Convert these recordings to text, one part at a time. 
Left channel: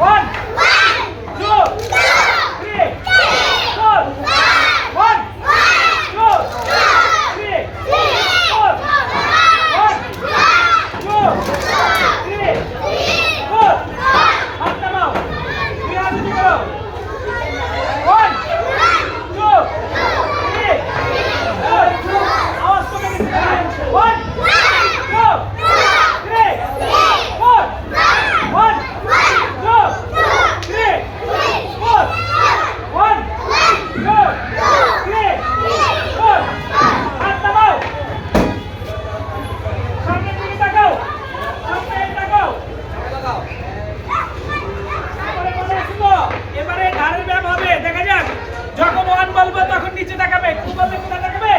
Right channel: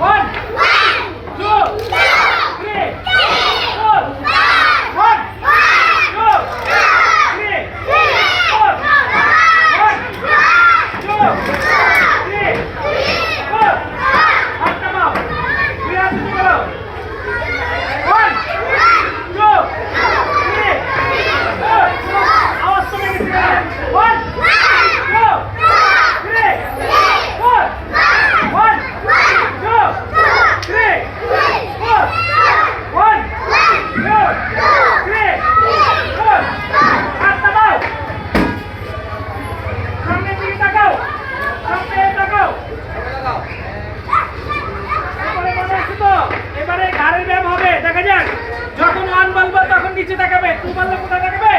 One. One বলব তখন নিচে তাকাবে। টু বললে কোথায় তাকাবে?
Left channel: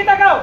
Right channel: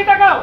দিকে তাকাও।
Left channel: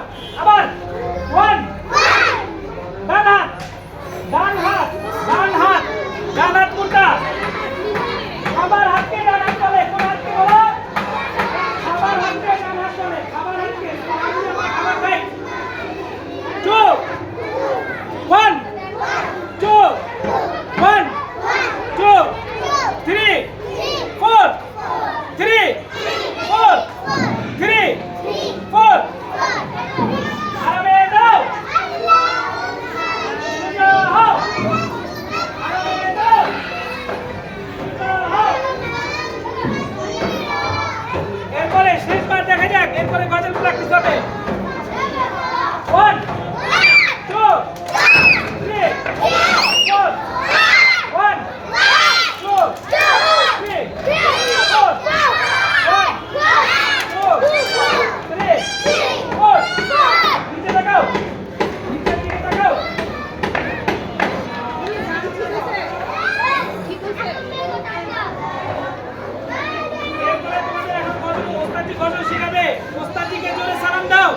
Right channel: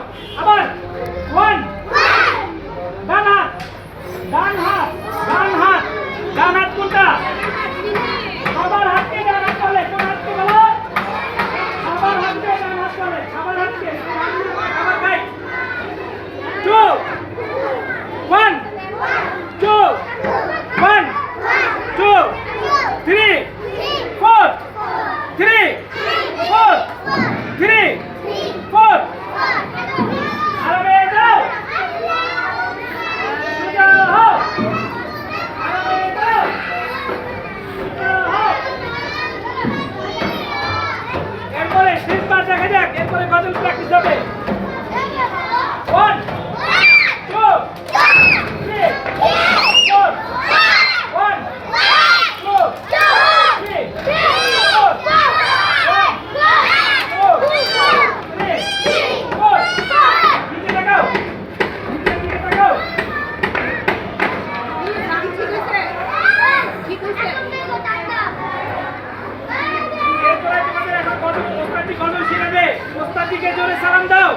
এরপরে গজল প্র্যাকটিস হবে। ওস্তাদজিকে জোরে সালাম দাও।